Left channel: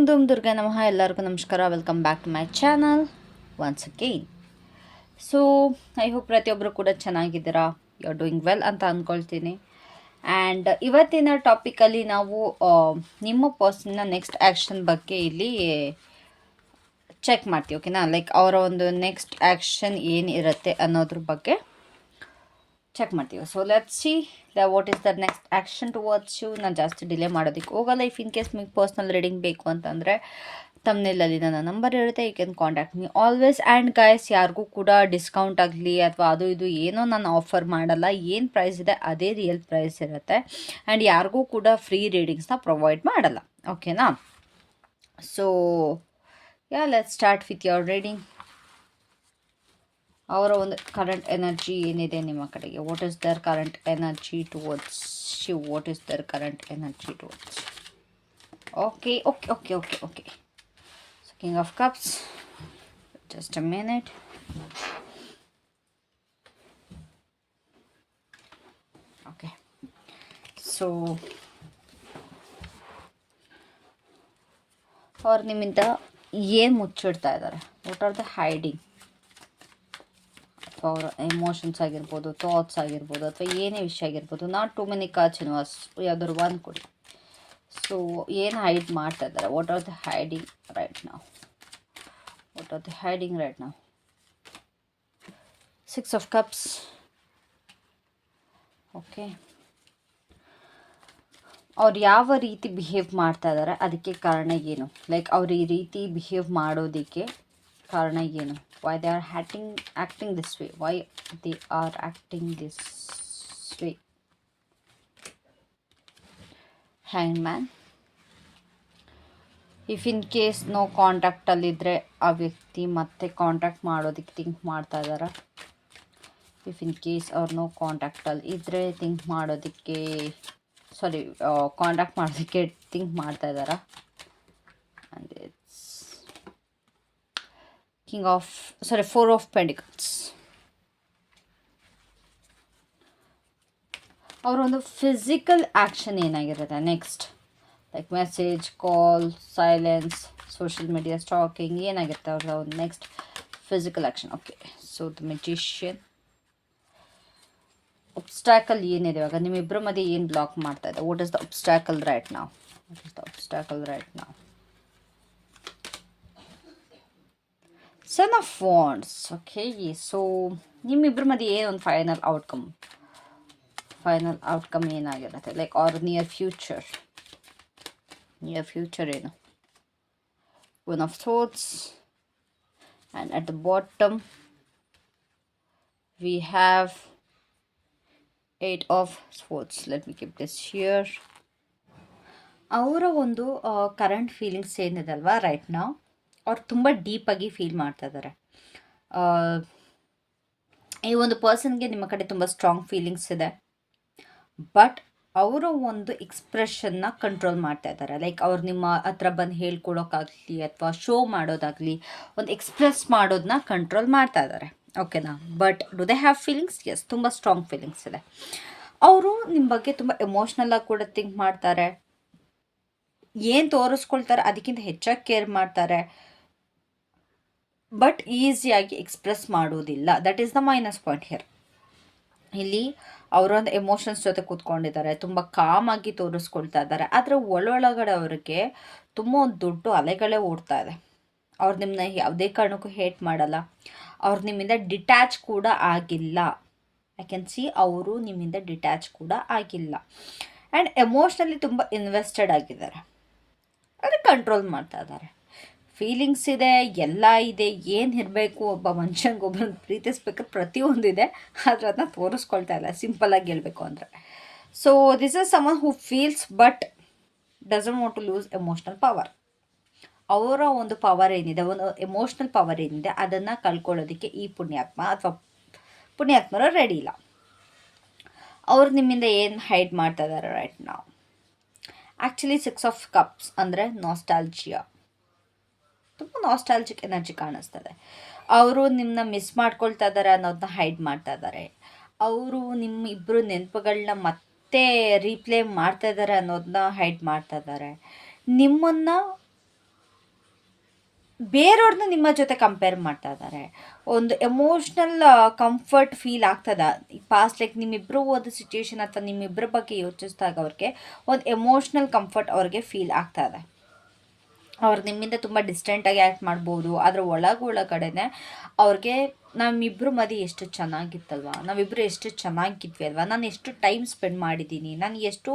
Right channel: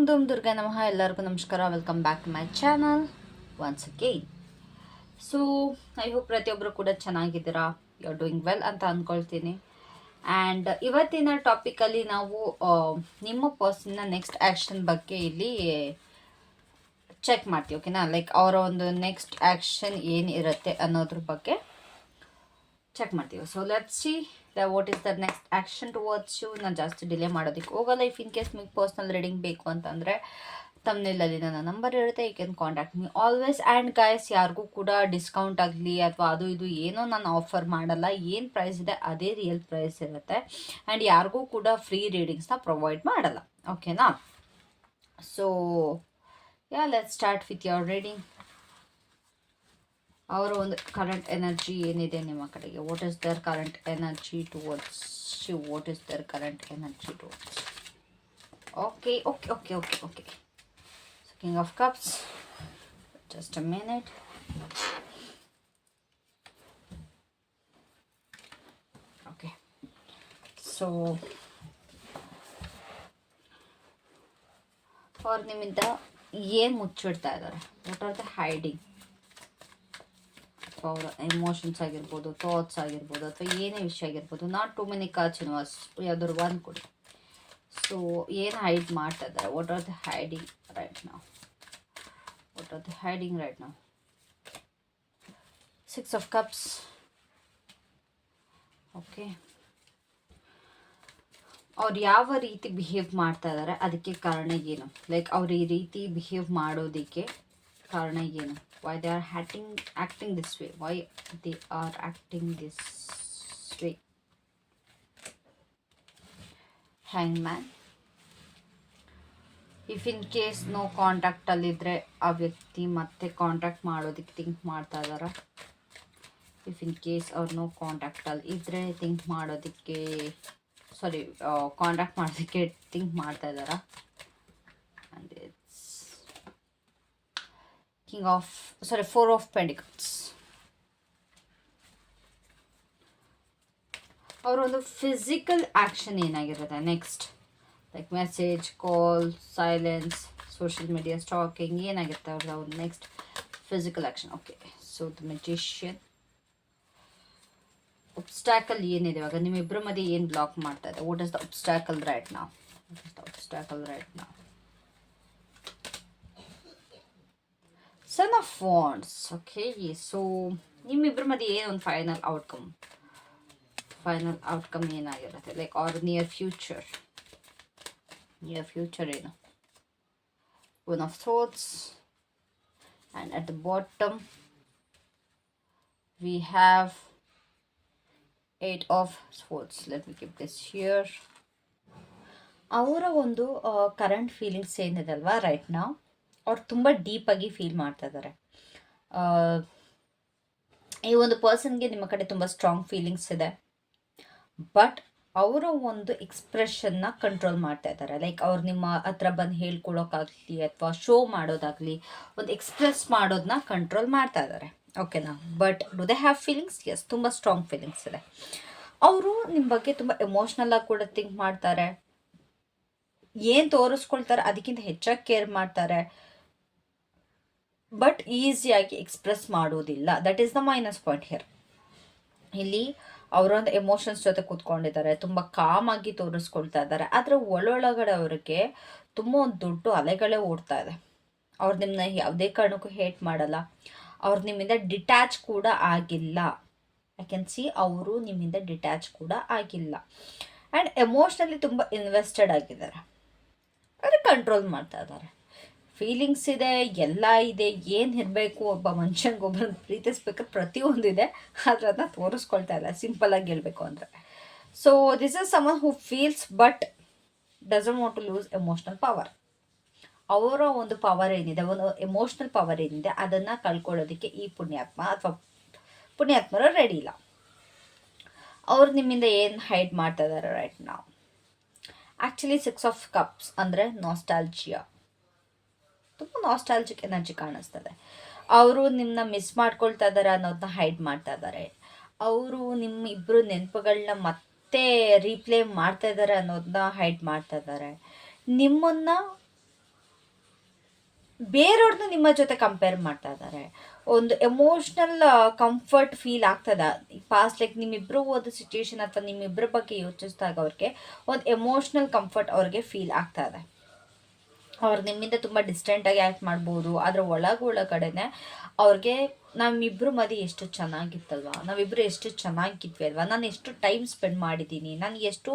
ಓಂ ಧೂಮ್ ದುರ್ಗಾ ನಮಃ. ಎಲ್ಲರಿಗೂ ನಮಸ್ಕಾರ. Welcome back to my channel once again. So I hope ಪ್ರತಿಯೊಬ್ಬರು ಕೂಡ ಚೆನ್ನಾಗಿದ್ದೀರಾ, ಯು ಆರ್ ಡೂಯಿಂಗ್ ವೆಲ್ ಅಂತ ಅಂದ್ಕೊಳ್ತೀನಿ. ಆ್ಯಂಡ್ ಇವತ್ತಿನ ಟಾಪಿಕಲ್ಲಿ ನಾವು ನಿಮ್ಮ ಪರ್ಸನ್ನ ನೆಕ್ಸ್ಟ್ ಆ್ಯಕ್ಷನ್ ಬಗ್ಗೆ ಇಲ್ಲಿ ಚೆಕ್ ಮಾಡ್ತೀವಿ. ಓಕೆನಾ, ಲೈಕ್ ಅವರ ಒಂದು ನೆಕ್ಸ್ಟ್ ಆ್ಯಕ್ಷನ್ ಏನಿರುತ್ತೆ ಅನ್ನೋದ್ರ ಬಗ್ಗೆ ಚೆಕ್ ಮಾಡ್ತೀವಿ. So let's see what is the next action towards you. ನಾನು ಜಾಸ್ತಿ ಡಿಲೇ ಮಾಡೋದಕ್ಕೆ ಹೋಗಲ್ಲ. ಇಫ್ ಇನ್ ಕೇಸ್ ನಿಮಗೆ ಪರ್ಸ್ನಲ್ ರೀಡಿಂಗ್ ಬೇಕು ಅಂತಂದರೆ ತಮ್ಮನೇಲಲ್ಲಿ ನನ್ನ ನಂಬರ್ ಇರುತ್ತೆ, you can contact me always. And guys, ಯಾರಿಗೂ ಕೂಡ ಡಿಸ್ಕೌಂಟ್ ಆಗಲಿ ಅಥವಾ ಅದು ಇದು ಏನೋ ನಾನು ಆಫರ್ ಮಾಡಲ್ಲ. ಏನು ಪ್ರೈಸ್ ಇದೆ ಅದೇ ರಿಯಲ್ ಪ್ರೈಸ್ ಇರುತ್ತೆ. ಆ್ಯಂಡ್ ಯಾರಿಗೂ ಕೂಡ ಫ್ರೀ ರೀಡಿಂಗ್ಸ್ನ ಪ್ರೊವೈಡ್ ಮಾಡಲ್ಲ. ಓಕೆನಾ, so yeah let's start with your reading. ಅವರ ಒಂದು ಕರೆಂಟ್ ಎನರ್ಜಿ ಏನಿದೆ ನಿಮ್ಮ ಕಡೆಗೆ, what is their current energy towards you, what is their current energy towards. Okay okay okay okay okay so king of cups, just a minute. Okay, so ಅವ್ರು ನಿಮ್ಮಿಂದ ಏನು ಮುಚ್ಚಿಡ್ತಾ ಇದ್ದಾರೆ, ವಾಟ್ ಆರ್ ದ ಹೈಡಿಂಗ್. ಅವರ emotions ಆಗಿರ್ಬೋದು, thoughts ಆಗಿರ್ಬೋದು, ಅಥವಾ ಏನೇ ವಿಷಯ ಆಗಿರ್ಬೋದು. Not too many cards universe, ಯಾವ್ದಾದ್ರು ಒಂದು ಕೊಡಿ. ಸೊ ಏನು ಹೈಡ್ ಮಾಡ್ತಾ ಇದ್ದಾರೆ, what are the hiding right now, what are the hiding right now. Six of cups. Okay, ಅವ್ರು ಯಾವ ರೀತಿ ಬಿಹೇವ್ ಮಾಡ್ತಾ ಇದ್ದಾರೆ ಅದಕ್ಕೆ ಕಾರಣ ಏನು, ಲೈಕ್ ಅವ್ರು ಈ ರೀತಿ ಬಿಹೇವ್ ಮಾಡೋದಕ್ಕೆ ಕಾರಣ ಏನು. Why they are acting this way, why they are acting this way. Hangman. If in case no ಕಾಂಟ್ಯಾಕ್ಟಲ್ಲಿದ್ದರೆ ಆ ವ್ಯಕ್ತಿ ಮತ್ತೆ ಕಾಂಟ್ಯಾಕ್ಟ್ ಮಾಡೋದಕ್ಕೆ ಥಿಂಕ್ ಮಾಡ್ತಾ ಇದ್ದಾರಾ. ಇಫ್ ಇನ್ ಕೇಸ್ ಅವ್ರು ನೋ ಕಾಂಟ್ಯಾಕ್ಟಲ್ಲಿ ಇದ್ದರೆ ಥಿಂಕ್ ಮಾಡೋದಕ್ಕೆ ಕಾಂಟ್ಯಾಕ್ಟ್ ಮಾಡೋದಕ್ಕೆ ಥಿಂಕ್ ಮಾಡ್ತಾ ಇದ್ದಾರಾ. And it's Four of Pentacles. ಅವರೊಂದು ಫಿಸಿಕಲ್ ಆ್ಯಕ್ಷನ್ ಏನಾಗಿರುತ್ತೆ next, like message, call, silence, social media stalking, ಏನಾಗಿರುತ್ತೆ ಅವ್ರ ಒಂದು next physical action. Okay, so the magician. Obstacle ಏನಿದೆ ಇವಾಗ ನಿಮ್ಮಿಬ್ಬರ ಮಧ್ಯೆ ಏನು ಬ್ಲಾಕ್ ಮಾಡ್ತಾ ಇದೆ, what is the obstacle right now, what is the obstacle right now. Son of wands. Okay, so ನಿಮ್ಮಿಬ್ಬರ ಮಧ್ಯೆ ಏನೊಂದು ಫೈನಲ್ ಔಟ್ಕಮ್ ಏನಾಗಿರುತ್ತೆ, ಲೈಕ್ ಆರ್ ನಿಯರ್ ಫ್ಯೂಚರ್ ಏನು. One of thoughts. And at the bottom we have 8 of sports. Let me keep this here. ಅವರ ಒಂದು current feelings ಏನಿದೆ ಅಲ್ವಾ right ನಾವು, ಅವ್ರು ತುಂಬ ಡೀಪಾಗಿ ಫೀಲ್ ಮಾಡ್ತಾ ಇದ್ದಾರೆ. ಈ ಒಂದು ಪರ್ಸನ್ಗೆ ನಿಮ್ಮ ಕಡೆ ತುಂಬ ಸ್ಟ್ರಾಂಗ್ ಫೀಲಿಂಗ್ಸ್ ಇದೆ, ಬಟ್ ಅವರು ಒಂದು ಎಕ್ಸ್ಪ್ರೆಷನ್ನ ಕಂಟ್ರೋಲ್ ಮಾಡ್ತಾ ಇದ್ದಾರೆ. ಲೈಕ್ ಅವ್ರು ನಿಮ್ಮ ಹತ್ರ ಬಂದು ಹೇಳ್ಕೊಡೋಕ್ಕಾಗಲಿ ಅಥವಾ ಶೋ ಮಾಡೋದಾಗಲಿ ಒಂದು ಎಕ್ಸ್ಪ್ರೆಸ್ ಮಾಡೋದನ್ನ ಕಂಟ್ರೋಲ್ ಮಾಡ್ತಾ ಇದ್ದಾರೆ. ಓಕೆನಾ, but do they have feelings? Yes, ತುಂಬ ಸ್ಟ್ರಾಂಗ್ ಫೀಲಿಂಗ್ಸ್ ಇದೆ. ಅವರು ನಿಮ್ಮ ಬಗ್ಗೆ ತುಂಬ ಎಮೋಷ್ನಲ್ ಆಗಿ ಕೂಡ ಥಿಂಕ್ ಮಾಡ್ತಾರೆ. ಏನು ತೋರಿಸ್ಕೊಳ್ತಾರೆ ಅದಕ್ಕಿಂತ ಹೆಚ್ಚಾಗಿ ಕೇರ್ ಮಾಡ್ತಾರೆ, ಬಟ್ ಈಸಿಯಾಗಿ ಎಕ್ಸ್ಪ್ರೆಸ್ ಮಾಡೋದಿಲ್ಲ. That is the minus point here. ಇಲ್ಲಿ ಅವರೊಂದು ಎಮೋಷನ್ಸ್ ಜೊತೆ ಕೂತ್ಕೊಂಡಿದ್ದಾರೆ, ತುಂಬ ಕಾಮಾಗಿ ತೋರಿಸ್ಕೊಳ್ತಾ ಇದ್ದಾರೆ, ಆದರೆ ಒಳೊಳಗಡೆ ಅವ್ರಿಗೆ ತುಂಬ ಒಂದು ದೊಡ್ಡ ಅಲೆಗಳೇ ಓಡ್ತಾ ಇದೆ. ಅವ್ರು ನಿಮ್ಮನ್ನ ಯಾವುದೇ ಕಾರಣಕ್ಕೂ ಹೇಟ್ ಮಾಡಲ್ಲ, ಅವ್ರು ನಿಮ್ಮಿಂದ ಡಿಟ್ಯಾಚ್ ಕೂಡ ಆಗಿಲ್ಲ. ಐ ಕ್ಯಾನ್ ಸಿ ಅವರು ನಿಮ್ಮಿಂದ ಡಿಟ್ಯಾಚ್ ಕೂಡ ಆಗಿಲ್ಲ. ಆ್ಯಂಡ್ ಎಮೋಷ್ನಲಿ ತುಂಬ ಇನ್ವೆಸ್ಟೆಡ್ ಆಗಿದ್ದಾರೆ, ಆದರೆ ಕಂಟ್ರೋಲ್ ಮಾಡ್ತಾ ಇದ್ದಾರೆ. ಫೀಲಿಂಗ್ಸ್ ಇದೆ, ಎಲ್ಲ ಇದೆ, ಏನು ಇರಬೇಕು ಒಬ್ಬ ಮನುಷ್ಯಂಗೆ ಒಬ್ಬರನ್ನ ಪ್ರೀತಿಸ್ಬೇಕಾದ್ರೆ ಪ್ರತಿಯೊಂದಿದೆ, ಆದರೆ ಅದನ್ನ ತೋರಿಸ್ಕೊಳ್ತಾ ಇಲ್ಲ, ಸಿಂಪಲ್ಲಾಗಿ ಹೇಳಬೇಕು ಅಂದರೆ. So this is someone who feels but doesn't want to lose emotional power. ಅವರ ಒಂದು ಪವರ್ ಏನಿದೆ, ಒಂದು ಎಮೋಷ್ನಲ್ ಪವರ್ ಏನಿದೆ ಅದನ್ನು ಕಳ್ಕೊಳ್ಳೋದಕ್ಕೆ ಈ ಪುಣ್ಯಾತ್ಮ ಅಥವಾ ಪುಣ್ಯಾತ್ಮರು ರೆಡಿ ಇಲ್ಲ. ಅವ್ರು ನಿಮ್ಮಿಂದ ಏನು ಹೈಡ್ ಮಾಡ್ತಾ ಇದ್ದಾರೆ ರೈಟ್ ನಾವು. ಆ್ಯಕ್ಚುಲಿ 6 ಆಫ್ ಕಪ್ಸ್ ಅಂದರೆ ನಾಸ್ಟಾಲ್ಜಿಯಾ, ತುಂಬ ನಾಸ್ಟಾಲಜಿಕ್ ಎನರ್ಜಿ ಕಾಣಿಸ್ತದೆ. ಅವರು ನಿಮ್ಮನ್ನ ಮಿಸ್ ಮಾಡ್ಕೊಳ್ತಾ ಇದ್ದಾರೆ ಅನ್ನೋದನ್ನ ಹೈಡ್ ಮಾಡ್ತಾ ಇದ್ದಾರೆ. ಅವರು ನಿಮ್ಮಿಬ್ಬರು ನೆನಪುಗಳನ್ನ ಮತ್ತೆ ರೀಪ್ಲೇ ಮಾಡ್ತಾ ಇದ್ದಾರೆ ಅನ್ನೋದನ್ನ ಹೈಡ್ ಮಾಡ್ತಾ ಇದ್ದಾರೆ. ನಿಮ್ಮನ್ನು ಬೇರೆಯವ್ರನ್ನ ನಿಮ್ಮ ಜೊತೆ ಕಂಪೇರ್ ಮಾಡ್ತಾ ಇದ್ದಾರೆ. ಒಂದು ಎಮೋಷ್ನಲ್ ಕಂಫರ್ಟ್ ಫೀಲ್ ಆಗ್ತದ ಪಾಸ್ಟ್, ಲೈಕ್ ನಿಮ್ಮಿಬ್ಬರು ಒಂದು ಸಿಚುಯೇಷನ್ ಅಥವಾ ನಿಮ್ಮಿಬ್ಬರ ಬಗ್ಗೆ ಯೋಚಿಸಿದಾಗ ಅವ್ರಿಗೆ ಒಂದು ಎಮೋಷ್ನಲ್ ಕಂಫರ್ಟ್ ಅವ್ರಿಗೆ ಫೀಲ್ ಆಗ್ತಾ ಇದೆ. ಅವ್ರು ನಿಮ್ಮಿಂದ ತುಂಬ ಡಿಸ್ಟೆಂಟಾಗಿ ಆ್ಯಕ್ಟ್ ಮಾಡ್ಬೋದು, ಆದರೆ ಒಳಗಡೆನೆ ಅವ್ರಿಗೆ ನಮ್ಮಿಬ್ಬರು ಮಧ್ಯೆ ಎಷ್ಟು ಚೆನ್ನಾಗಿತ್ತಲ್ವ, ನಾವಿಬ್ಬರು ಎಷ್ಟು ಚೆನ್ನಾಗಿದ್ವಿ ಅಲ್ವಾ, ನಾನು ಎಷ್ಟು ಟೈಮ್ ಸ್ಪೆಂಡ್ ಮಾಡಿದ್ದೀನಿ, ನನಗೆ ಎಷ್ಟು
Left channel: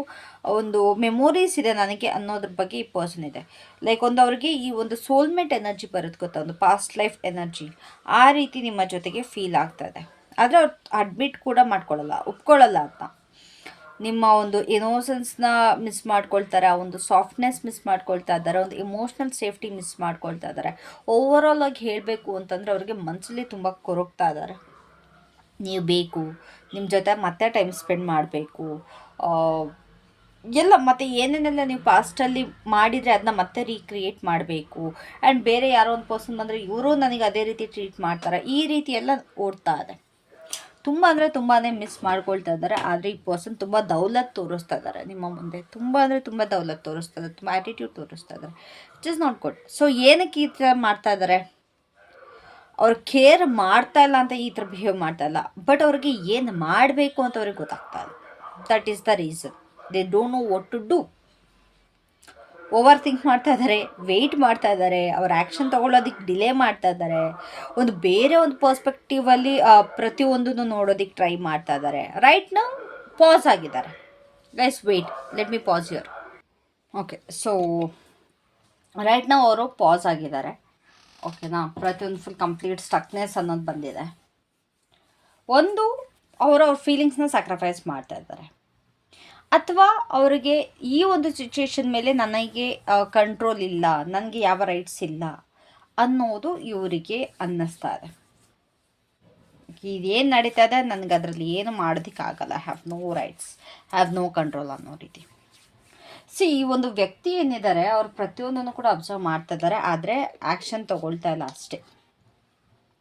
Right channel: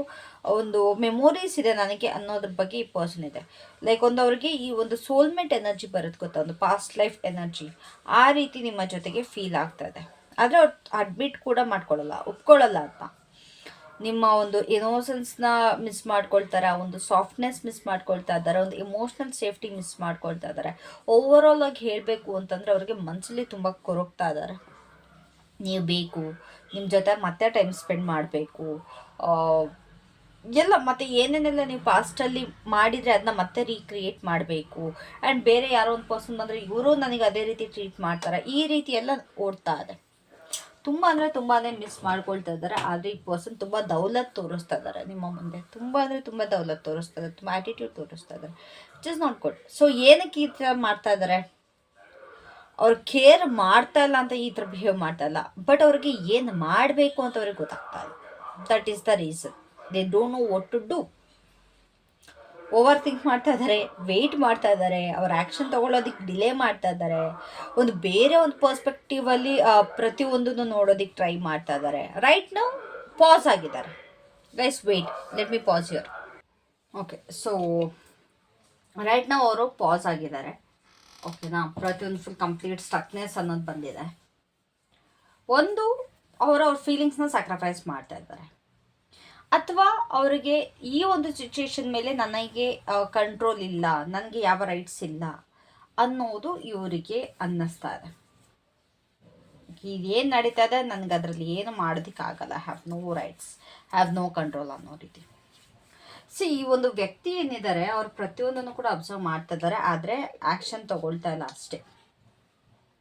ಒಂದು ಮೆಮೊರೀಸ್ ಇದೆ ನನಗೆ ಅನ್ನೋದ್ರ ಬಗ್ಗೆ ಈ ಪರ್ಸನ್ ಇದೆ. ಲೈಕ್ ಒಂದು ಅವ್ರಿಗೆ ಈ ಒಂದು ಸೋಲ್ಮೇಟ್ ಎನರ್ಜಿ ಬರುತ್ತೆ ಗೊತ್ತಾ, ಒಂದು ಪಾಸ್ಟ್ ಲೈಫ್ ಎನರ್ಜಿ, ಆ ರೀತಿ ನಿಮ್ಮ ಜೊತೆಗೆ ಫೀಲ್ ಆಗ್ತದೆ. ಆದರೆ ಅವ್ರು ಅಡ್ಮಿಟ್ ಕೂಡ ಮಾಡ್ಕೊಳ್ಳಲ್ಲ, ಒಪ್ಕೊಳ್ಳಲ್ಲ ಅಂತ. ನಿಮ್ಮ ಒಂದು ಇನೋಸೆನ್ಸ್ನ ಮಿಸ್ ಮಾಡ್ಕೊಳ್ತಾರೆ, ಆ ಒಂದು ಸಾಫ್ಟ್ನೆಸ್ ಮಿಸ್ ಮಾಡ್ಕೊಳ್ತಾ ಇದ್ದಾರೆ, ಒಂದು ಇಮೋಷ್ನಲ್ ಸೇಫ್ಟಿ ಮಿಸ್ ಮಾಡ್ಕೊಳ್ತಾ ಇದ್ದಾರೆ. ಓವರಾಲ್ ಆಗಿ ಹೇಳಬೇಕು ಅಂತಂದರೆ ಅವ್ರಿಗೆ ಮನಸ್ಸಲ್ಲಿ ತುಂಬ ಕೊರಗ್ತಾ ಇದ್ದಾರೆ. ನೀವು ಬೇಕು, ನಿಮ್ಮ ಜೊತೆ ಮತ್ತೆ ಟೈಮ್ ಸ್ಪೆಂಡ್ ಮಾಡಬೇಕು, ಎಲ್ಲ ಮತ್ತು ಏನೇನೆಲ್ಲ ನೀವು ಪಾಸ್ಟಲ್ಲಿ ಮಾಡಿದರೆ ಅದನ್ನ ಮತ್ತೆ ರೀಕ್ರಿಯೇಟ್ ಮಾಡಬೇಕು. ಆ್ಯಂಡ್ ಬೇರೆ ಯಾರೋ ಒಂದು ಪರ್ಸನ್ ಬಂದರೆ ಇವರು ನನಗೆ ಅದೇ ರೀತಿ ಟ್ರೀಟ್ ಮಾಡ್ತಾರೆ, ಈ ರೀತಿ ಎಲ್ಲ ಓಡ್ತಾ ಇದೆ. ತುಂಬ ಅಂದರೆ ತುಂಬಾ ಮಿಸ್ ಮಾಡ್ಕೊಳ್ತಾ ಇದ್ದಾರೆ. ಆದರೆ ಈ ಪರ್ಸನ್ ತುಂಬ ದೌಲತ್ ತೋರಿಸ್ತಾ ಇದ್ದಾರೆ ನಿಮ್ಮ ಮುಂದೆ, ತುಂಬ ಅಂದರೆ ತುಂಬ ದೌಲತ್ ತೋರಿಸ್ತಾ ಇದ್ದಾರೆ, ತುಂಬ ಆ್ಯಟಿಟ್ಯೂಡ್ ತೋರಿಸ್ತಾ ಇದ್ದಾರೆ. Just not good. ಸೊ ಏನಕ್ಕೆ ಈ ಥರ ಮಾಡ್ತಾ ಇದ್ದಾರೆ? ಅವ್ರು ಕೇರ್ ಮಾಡ್ತಾ ಇಲ್ಲ ಅಂತ ಈ ಥರ ಬಿಹೇವ್ ಮಾಡ್ತಾ ಇಲ್ಲ, ಬಟ್ ಅವ್ರಿಗೆ ಏನು ಮಾಡಬೇಕು ಅಂತ ಅವ್ರಿಗೆ ಗೊತ್ತಾಗ್ತಾ ಇಲ್ಲ. That is the reason. They don't know what to do. Over think ಮಾಡ್ತಾ ಇದ್ದಾರೆ, ವೆಯ್ಟ್ ಮಾಡ್ತಾ ಇದ್ದಾರೆ, ಅವ್ರ ಆ್ಯಕ್ಷನ್ ತೊಗೊಳ್ಳೋದಕ್ಕೆ ಡಿಲೇ ಮಾಡ್ತಾ ಇದ್ದಾರೆ, ಒಂದು ಬೇರೆ ಒಂದು ಪರ್ಸ್ಪೆಕ್ಟಿವಲ್ಲಿ ಪ್ರತಿಯೊಂದನ್ನು ನೋಡೋದಕ್ಕೆ ಟ್ರೈ ಮಾಡ್ತಾ ಇದ್ದಾರೆ. ರೈಟ್ ನಾವು ಪಾಸ್ ಆಗಿದ್ದಾರೆ. Guys wait, let me pass your. Okay, so right ನಾವು ಅವರು ಪಾಸ್ ಆಗಿದ್ದಾರೆ. ಓಕೆನಾ, ಪ್ರತಿಯೊಂದು ಫುಲ್ ಕಂಪ್ಲೀಟ್ ಸ್ಟಕ್ನೆಸ್ ಅನ್ನೋದು ಬಂದಿದೆ. ಒಂದು ಅವ್ರ ಫೀಲಿಂಗ್ಸ್ನ ಸ್ಯಾಕ್ರಿಫೈಸ್ ಮಾಡ್ತಾ ಇದ್ದಾರೆ, ಅಥವಾ ಅವರಿಗೆ ಈ ಒಂದು ಸಿಚುಯೇಷನ್ ಮೇಲೆ ನನಗೆ ಕಂಟ್ರೋಲ್ ಇಲ್ಲ, ನನಗೆ ಯಾವ ರೈಟ್ಸ್ ಇಲ್ಲ ಅನ್ನೋದು ಇವರಿಗೆ ಅನ್ನಿಸ್ತಾ ಇದೆ. ಇದೇನು ನಡೀತಾ ಇದೆ, ನನಗೆ ಅದರಲ್ಲಿ ಏನು ಮಾಡೋದಕ್ಕಾಗಲ್ಲ, have no rights, have no control ಅನ್ನೋ ರೀತಿ. ಈ ಒಂದು ವ್ಯಕ್ತಿ ಏನಿದ್ದಾರೆ ಅವ್ರು ಪ್ರತಿಯೊಂದನ್ನು ಕೂಡ ಅಬ್ಸರ್ವ್ ಮಾಡ್ತಾ ಇದ್ದಾರೆ, ಆದರೆ ಆ್ಯಕ್ಷನ್ ತಗೊಳ್ತಾ ಇಲ್ಲ ಅಷ್ಟೇ.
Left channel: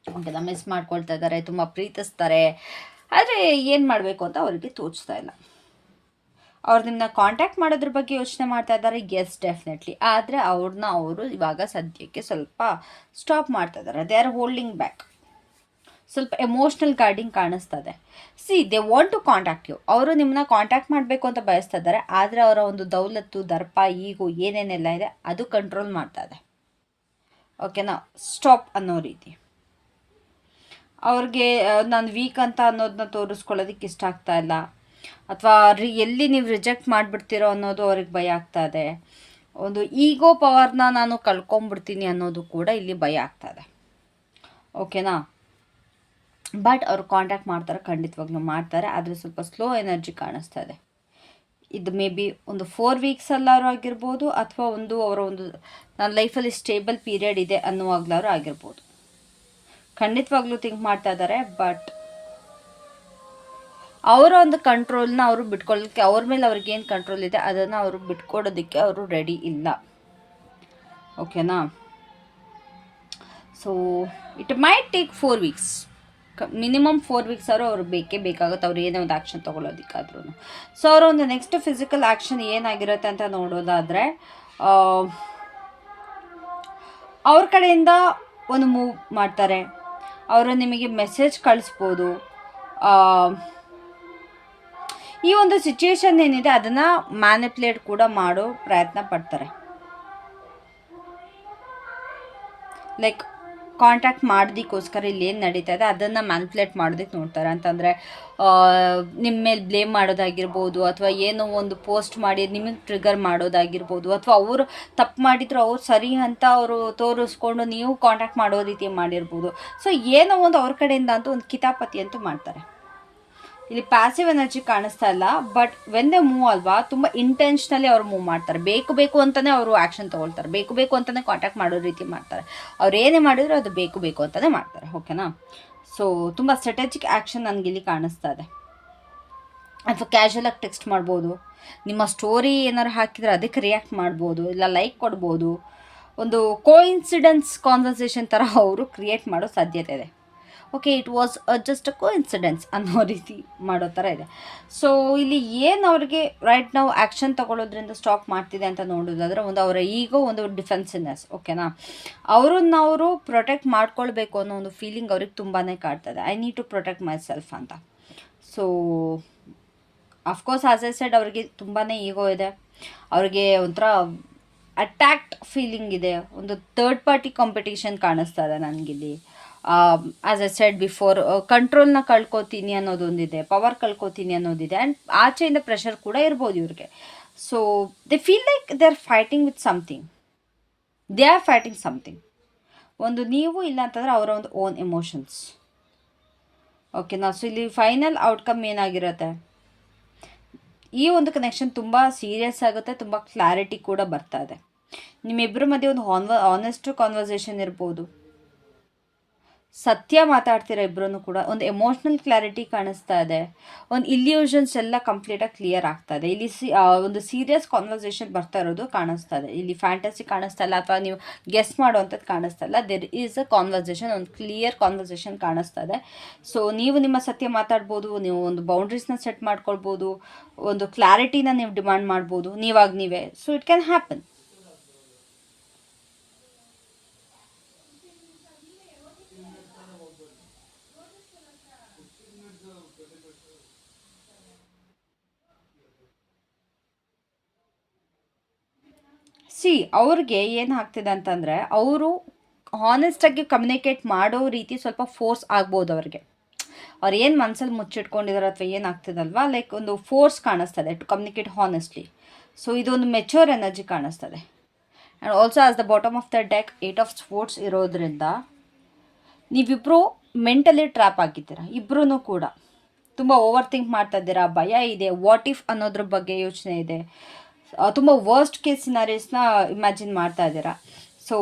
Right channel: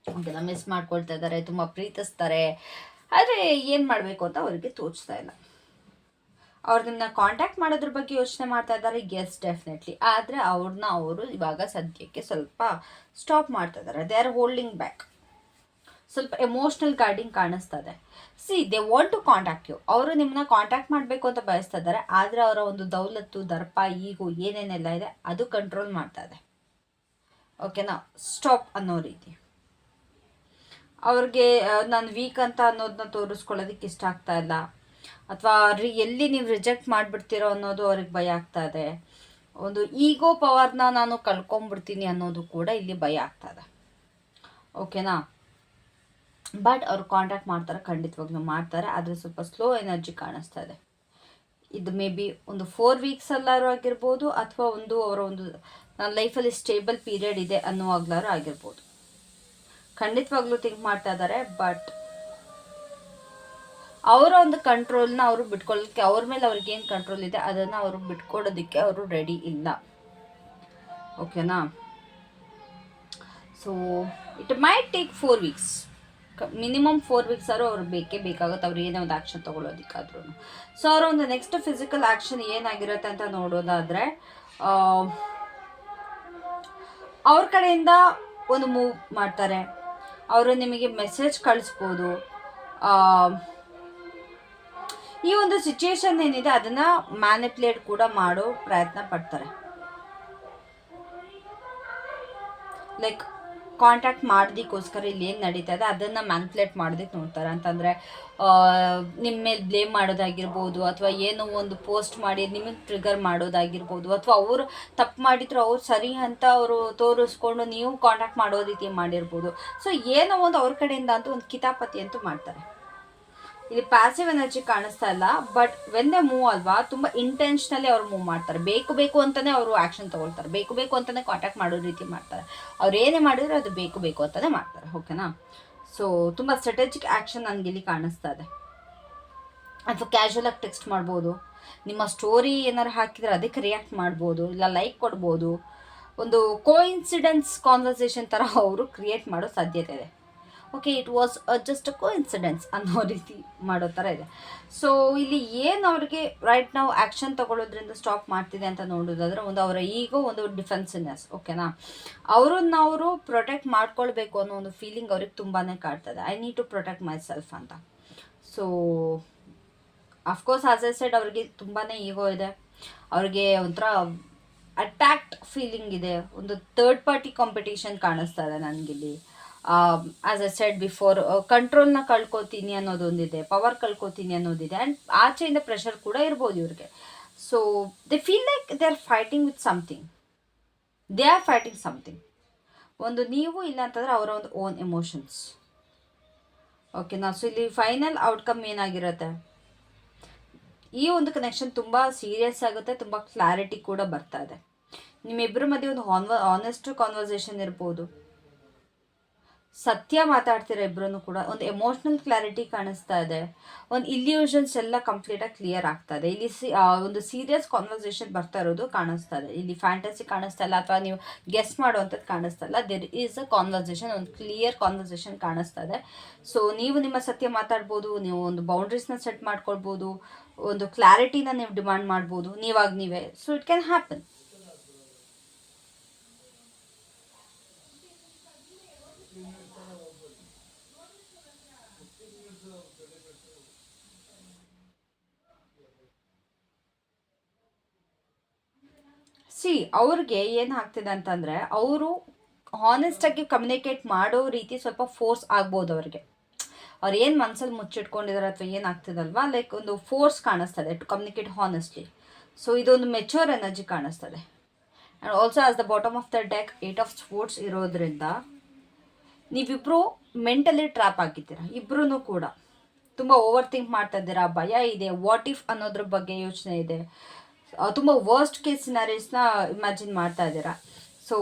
ಅದೆಲ್ಲ ಮಿಸ್ ಮಾಡ್ಕೊಳ್ತಾ ಇದ್ದಾರೆ, ತುಂಬ ಪ್ರೀತಿಸ್ತಾರೆ, ಆದರೆ ಏನು ಮಾಡಬೇಕು ಅಂತ ಅವರಿಗೆ ತೋಚ್ತಾ ಇಲ್ಲ. ಅವ್ರು ನಿಮ್ಮನ್ನ ಕಾಂಟ್ಯಾಕ್ಟ್ ಮಾಡೋದ್ರ ಬಗ್ಗೆ ಯೋಚನೆ ಮಾಡ್ತಾ ಇದ್ದಾರೆ, ಎಸ್ ಡೆಫಿನೆಟ್ಲಿ. ಆದರೆ ಅವ್ರನ್ನ ಅವರು ಇವಾಗ ಸದ್ಯಕ್ಕೆ ಸ್ವಲ್ಪ ಸ್ಟಾಪ್ ಮಾಡ್ತಾ ಇದ್ದಾರೆ. They are holding back. ಸ್ವಲ್ಪ ಎಮೋಷ್ನಲ್ ಗಾರ್ಡಿಂಗ್ ಕಾಣಿಸ್ತಾ ಇದೆ. They want to contact you. ಅವರು ನಿಮ್ಮನ್ನ ಕಾಂಟ್ಯಾಕ್ಟ್ ಮಾಡಬೇಕು ಅಂತ ಬಯಸ್ತಾ ಇದ್ದಾರೆ, ಆದರೆ ಅವರ ಒಂದು ದೌಲತ್ತು, ದರ್ಪ, ಈಗೋ ಏನೇನೆಲ್ಲ ಇದೆ ಅದು ಕಂಟ್ರೋಲ್ ಮಾಡ್ತಾ ಇದೆ. ಓಕೆನಾ, ಸ್ಟಾಪ್ ಅನ್ನೋ ರೀತಿ. ಅವ್ರಿಗೆ ನಾನು ವೀಕ್ ಅಂತ ಅನ್ನೋದನ್ನ ತೋರಿಸ್ಕೊಳ್ಳೋದಕ್ಕೆ ಇಷ್ಟ ಆಗ್ತಾ ಇಲ್ಲ, ಅಥವಾ ಎಲ್ಲಿ ನೀವು ರಿಜೆಕ್ಟ್ ಮಾಡಿಬಿಡ್ತೀರೋ ಅನ್ನೋದು ಅವ್ರಿಗೆ ಭಯ ಆಗ್ತಾ ಇದೆ. ಒಂದು ಈಗೋ ಪವರ್ನ ನಾನು ಕಳ್ಕೊಂಬಿಡ್ತೀನಿ ಅನ್ನೋದು ಕೂಡ ಇಲ್ಲಿ ಭಯ ಆಗ್ತಾ ಇದೆ. ಓಕೆನಾ, ಬಟ್ ಅವ್ರು ಕಾಂಟ್ಯಾಕ್ಟ್ ಮಾಡ್ತಾರೆ, ಖಂಡಿತವಾಗ್ಲೂ ಮಾಡ್ತಾರೆ, ಆದರೆ ಸ್ವಲ್ಪ ಸ್ಲೋ ಎನರ್ಜಿ ಕಾಣಿಸ್ತಾ ಇದೆ. ಇದು ಮೇ ಬಿ ಒಂದು 4 ವೀಕ್ಸ್ ಅಲ್ಲಾರು ಆಗಿರ್ಬೋದು, ಅಥವಾ ಅವರ ಒಂದು ನನ್ನ ಲೈಫಲ್ಲಿ ಸ್ಟೇಬಲ್ ಪೀರಿಯಡ್ ಇದೆ ಅನ್ನುವಾಗ್ಲಾರು ಆಗಿರ್ಬೋದು. ಖಂಡಿತವಾಗ್ಲೂ ಥಿಂಕ್ ಮಾಡ್ತಾ ಇದ್ದಾರೆ, ಬಟ್ ಅವರ ಒಂದು ಕಂಟ್ರೋಲ್ನ ಅವರು ಬಿಟ್ಕೊಳ್ಳೋಕ್ಕೆ, ಅವ್ರ ಮೇಲೆ ಅವ್ರಿಗೇನು ಕಂಟ್ರೋಲ್ ಇದೆ ಅದನ್ನು ಅವರು ಬಿಟ್ಕೊಡೋದಕ್ಕೆ ಅವರು ರೆಡಿ ಇಲ್ಲ. ಓಕೆನಾ, so it might take 4 weeks, minimum 4 weeks ಅವ್ರು ಬೇಕೇ ಬೇಕಾಗುತ್ತೆ, ಅವ್ರು ಏನೇ ಒಂದು ಆ್ಯಕ್ಷನ್ ತೊಗೊಳೋದಕ್ಕಾದ್ರೂ. ಸೊ ಅವರ ಒಂದು ನೆಕ್ಸ್ಟ್ ಫಿಸಿಕಲ್ ಆ್ಯಕ್ಷನ್ ಏನಾಗಿರುತ್ತೆ ಅಂತ ನೋಡೋದಾದರೆ, ಅವ್ರ ಕಡೆಯಿಂದ ಒಂದು ಮೂವ್ ಮಾಡ್ತಾರೆ, ಅವರು ನಿಮಗೆ ಮೆಸೇಜ್ ಕಳಿಸ್ಬೋದು. ಈ ಒಂದು ಸಿಚುಯೇಷನ್ ಏನಿದೆ ಅದನ್ನು ಮ್ಯಾನಿಪ್ಯುಲೇಟ್ ಕೂಡ ಮಾಡೋ ಪ್ರಯತ್ನ ಪಡ್ತಾರೆ. ಲೈಕ್ ಕಾಂಟ್ಯಾಕ್ಟ್ ಮಾಡೋದಕ್ಕೋಸ್ಕರ ಇಲ್ಲಿ ಏನು ನಡೀತಾ ಇದೆ ಅದನ್ನು ಮ್ಯಾನಿಪ್ಯುಲೇಟ್ ಮಾಡೋದಕ್ಕೆ ನೋಡ್ತಾರೆ. ಅಂತಂದರೆ ನಿಮ್ಮ ಮೇಲೆ ಬ್ಲೇಮ್ ಮಾಡೋದಾಗಿರ್ಬೋದು, ಅಥವಾ ಏನೋ ಒಂದು ಪೋಸ್ಟ್ ಮಾಡಿ ನಿಮಗೆ ಟ್ರಿಗರ್ ಮಾಡೋದಾಗಿರ್ಬೋದು, ಅಥವಾ ಅವರು ತಪ್ಪು ಮಾಡಿದ್ರು ಅವ್ರು ಸರಿ ಅಂತ ಅವರು ತೋರಿಸ್ಕೊಂಡು ನೀವು ಕಾಂಟ್ಯಾಕ್ಟ್ ಮಾಡೋ ರೀತಿ ಮಾಡಿರ್ಬೋದು. ಸೊ ಏನೋ ಒಂದು ಅವ್ರ ಕಡೆಯಿಂದ ಅಂತೂ ಒಂದು ಕಿತಾಪತಿ ಅಂತೂ ಮಾಡ್ತಾರೆ. ಇಲ್ಲಿ ಪ್ಯಾಸಿವ್ ಎನರ್ಜಿ ಕಾಣಿಸ್ತಾ ಇಲ್ಲ, ಬಟ್ ವೆನ್ ದೇ ಮೂವ್ ಅಲ್ವಾ, ತುಂಬ ಇಂಟೆನ್ಷನಲಿ ಅವ್ರು ಮೂವ್ ಮಾಡ್ತಾರೆ. ಬೇಕು ಅಂತಲೇ ಅವರು ಆ್ಯಕ್ಷನ್ ತೊಗೊಳ್ತಾರೆ, ಬೇಕು ಅಂತಲೇ ಕಾಂಟ್ಯಾಕ್ಟ್ ಮಾಡೋ ರೀತಿ ಮಾಡ್ತಾರೆ. ಅವ್ರು ಏನೇ ಮಾಡಿದ್ರು ಅದು ಬೇಕು ಅಂತಲೇ ಮಾಡ್ತಾರೆ. ಓಕೆನಾ, ಸೊ ತುಂಬ ಸ್ಟ್ರಾಟಜಿಕ್ ಆ್ಯಕ್ಷನ್ ನನಗೆ ಇಲ್ಲಿ ಕಾಣಿಸ್ತಾ ಇದೆ. ಅಥವಾ ಕ್ಯಾಶುಯಲಾಗಿ ಟೆಕ್ಸ್ಟ್ ಮಾಡ್ಬೋದು, ನಿಮ್ಮ ಸ್ಟೋರಿ ಏನಾರು ಹಾಕಿದರೆ ಅದಕ್ಕೆ ರಿಯಾಕ್ಟ್ ಮಾಡ್ಬೋದು, ಇಲ್ಲ ಲೈಕ್ ಕೊಡ್ಬೋದು. ಒಂದು ಕೋಇನ್ಸಿಡೆನ್ಸ್ ಕಾನ್ವರ್ಸೇಷನ್ ಥರ ಅವರು ಕ್ರಿಯೇಟ್ ಮಾಡೋ ಸಾಧ್ಯತೆ ಇದೆ. Okay it was just a coincidence ಅನ್ನೋ ರೀತಿ ಮಾಡೋ ಥರ ಇದೆ. ಸೊ ಇಲ್ಲಿ ಏನು ಅವ್ರಿಗೆ ರೈಟ್ ನಾವು ಆ್ಯಕ್ಷನ್ ತಗೊಳ್ಳೋದ್ರಿಂದ ಸ್ಟಾಪ್ ಮಾಡ್ತಿದೆ ಅಂತ ನೋಡೋದಾದ್ರೆ, ಒಂದು ಅವರ ಈಗೋ, ಒಂದು ಡಿಫೆನ್ಸಿವ್ನೆಸ್, ಓಕೆನಾ. ಅವರನ್ನ ಅವರು ಪ್ರೊಟೆಕ್ಟ್ ಮಾಡ್ಕೊಳ್ಬೇಕು ಅನ್ನೋ ಒಂದು ಫೀಲಿಂಗ್ ಅವ್ರಿಗೆ ತುಂಬಾ ಕಾಡ್ತದೆ. I need to protect myself ಅಂತ. So of course as I said, ಅವ್ರಿಗೆ ತುಂಬಾ ಈಗೋ ಇದೆ, ಅವ್ರಿಗೆ ಒಂಥರ ಅಟ್ಯಾಕ್ಟ್ ಫೀಲಿಂಗ್ ಇದೆ, ಒಂದು ಥರ್ಡ್ ಪಾರ್ಟಿ ಕಾಂಪಿಟೇಷನ್ ಕಾಣಿಸ್ತಾ ಇದೆ ನನಗಿಲ್ಲಿ. ಆಸ್ ಎ ಸೆಡ್ ಬಿಫೋರ್, ಕಂಟ್ರೋಲ್ನ ಕಳ್ಕೊತೀನಿ ಅನ್ನೋದೊಂದಿದೆ, ಪವರ್ ಕಳ್ಕೊತೀನಿ ಅನ್ನೋದಿದೆ, ಆ್ಯಂಡ್ ಆಚೆಯಿಂದ ಪ್ರೆಷರ್ ಕೂಡ ಇರ್ಬೋದು ಇವ್ರಿಗೆ. So they feel like they are fighting with something, they are fighting something. ಒಂದು ನೀವು ಇಲ್ಲ ಅಂತಂದರೆ ಅವರ ಒಂದು ಓನ್ ಎಮೋಷನ್ಸ್, ಓಕೆನಾ. ಸೊ ಇಲ್ಲಿ ಫೈನಲ್ ಔಟ್ಕಮ್ ಏನಾಗಿರುತ್ತೆ, ಈ ಒಂದು ಕನೆಕ್ಷನ್ ತುಂಬ ಸೀರಿಯಸ್ ಆಗುತ್ತೆ, ತುಂಬ ಕ್ಲಾರಿಟಿ ಕೂಡ ಬರ್ತಾ ಇದೆ. ನಿಮ್ಮಿಬ್ಬರ ಮಧ್ಯೆ ಒಂದು ಆನೆಸ್ಟ್ ಕಾನ್ವರ್ಸೇಷನ್ ಇರ್ಬೋದು, ಸತ್ಯ ಮಾತಾಡ್ತೀರಾ ಇಬ್ಬರೂ ಕೂಡ, ಒಂದು ಎಮೋಷ್ನಲ್ ಕ್ಲಾರಿಟಿ ಕಾಣಿಸ್ತಾ ಇದೆ, ಒಂದು ಇಲ್ಯೂಷನ್ಸ್ ಎಲ್ಲ ಕಂಪ್ಲೀಟಾಗಿ ಕ್ಲಿಯರ್ ಆಗ್ತಾ ಇದೆ. ಇಲ್ಲಿ ಒಂದು ಸೀರಿಯಸ್ ಕಾನ್ವರ್ಸೇಷನ್ ಬರ್ತಾ ಇರೋದು ಕಾಣಿಸ್ತಾ ಇದೆ. ಇಲ್ಲಿ ಫ್ಯಾಂಟಸಿ ಕಾಣಿಸ್ತಾ ಇಲ್ಲ, ಅಥವಾ ನೀವು ಗೆಸ್ ಮಾಡೋವಂಥದ್ದು ಕಾಣಿಸ್ತಾ ಇಲ್ಲ. ದೇರ್ ಈಸ್ ಅ ಕಾನ್ವರ್ಸೇಷನ್, ಒಂದು ಕ್ಲಿಯರ್ ಕಾನ್ವರ್ಸೇಷನ್ ಕಾಣಿಸ್ತಾ ಇದೆ. ಸೊ ನೀವು ನಿಮ್ಮ ಸತ್ಯ ಮಾತಾಡ್ಬೋದು, ನೀವು ಒಂದು ಬೌಂಡ್ರೀಸ್ನ ಸೆಟ್ ಮಾಡ್ಕೊಳ್ಬೋದು, ಒಂದು ಕ್ಲಾರಿಟಿನ ನೀವು ಡಿಮಾಂಡ್ ಮಾಡ್ಬೋದು ನೀವಾಗ ನೀವೇ. So it can happen. ಅವ್ರಿಗೆ ಏನು ಆಗ್ತಿದೆ ಅಂತಂದರೆ, ಅವರು ಹಾನೆಸ್ಟಾಗಿ ಕಮ್ಯುನಿಕೇಟ್ ಮಾಡೋ ರೀತಿ ಸ್ವಲ್ಪ ಫೋರ್ಸ್ ಆಗ್ಬೋದು ಅವ್ರಿಗೆ. ಅವ್ರು ಏನು ಮನಸ್ಸಲ್ಲಿ ಮುಚ್ಚಿಟ್ಕೊಂಡಿದ್ದಾರೆ ಅಥವಾ ಏನಾಗ್ತಿದಲ್ವಾ, ಲೈಕ್ ಒಂದು ಫೋರ್ಸ್ ಕಾಣಿಸ್ತದೆ ಟು ಕಮ್ಯುನಿಕೇಟ್ ಹಾನೆಸ್ಟ್ಲಿ. ಸೊ ಇದೊಂದು ಮೆಚೂರ್ ಎನರ್ಜಿ ಕಾಣಿಸ್ತದೆ. And also as the bottom of the deck 8 of sports ಇರೋದ್ರಿಂದ ನೀವಿಬ್ಬರು ಮೆಂಟಲಿ ಟ್ರ್ಯಾಪ್ ಆಗಿದ್ದೀರ. ಇಬ್ಬರೂ ಕೂಡ ತುಂಬ ಓವರ್ ಥಿಂಕ್ ಮಾಡ್ತಾ ಇದ್ದೀರಾ, ಭಯ ಇದೆ, ವಾಟ್ ಇಫ್ ಅನ್ನೋದ್ರ ಬಗ್ಗೆ ಯೋಚನೆ ಇದೆ, ತುಂಬ ವರ್ಸ್ಟ್ ಕೇಸ್ ಸಿನಾರೀಸ್ನ ಇಮ್ಯಾಜಿನ್ ಮಾಡ್ತಾ ಇದ್ದೀರಾ. ಸೊ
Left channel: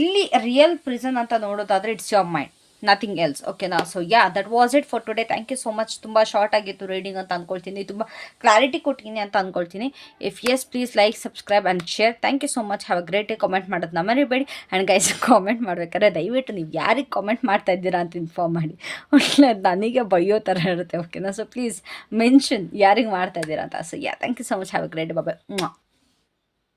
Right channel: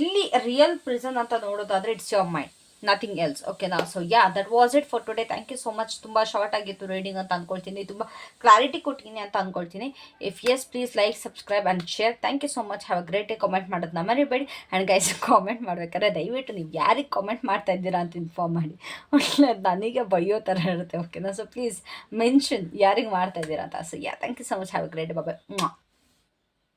ಇಲ್ಲಿ ರಿಯಲ್ ಪ್ರಿಸನ್ ಅಂತ ನೋಡೋದಾದರೆ it's your mind, nothing else, ಓಕೆನಾ. So yeah, that was it for today. Thank you so much. ತುಂಬ ಶಾರ್ಟ್ ಆಗಿತ್ತು ರೀಡಿಂಗ್ ಅಂತ ಅಂದ್ಕೊಳ್ತೀನಿ, ತುಂಬ ಕ್ಲಾರಿಟಿ ಕೊಟ್ಟಿನಿ ಅಂತ ಅಂದ್ಕೊಳ್ತೀನಿ. If yes, please like, subscribe and share. Thank you so much. Have a great day. Comment ಮಾಡೋದನ್ನ ಮರಿಬೇಡಿ. ಆ್ಯಂಡ್ ಗೈಸ್, ಕಾಮೆಂಟ್ ಮಾಡ್ಬೇಕಾದ್ರೆ ದಯವಿಟ್ಟು ನೀವು ಯಾರಿಗೆ ಕಾಮೆಂಟ್ ಮಾಡ್ತಾ ಇದ್ದೀರಾ ಅಂತ ಇನ್ಫಾರ್ಮ್ ಮಾಡಿ, ಒಳ್ಳೆ ನನಗೆ ಬೈಯೋ ಥರ ಇರುತ್ತೆ, ಓಕೆನಾ. ಸೊ ಪ್ಲೀಸ್ ಮೆನ್ಷನ್ ಯಾರಿಗೆ ಮಾಡ್ತಾ ಇದ್ದೀರಾ ಅಂತ. So yeah, thank you so much. Have a great day. Bye.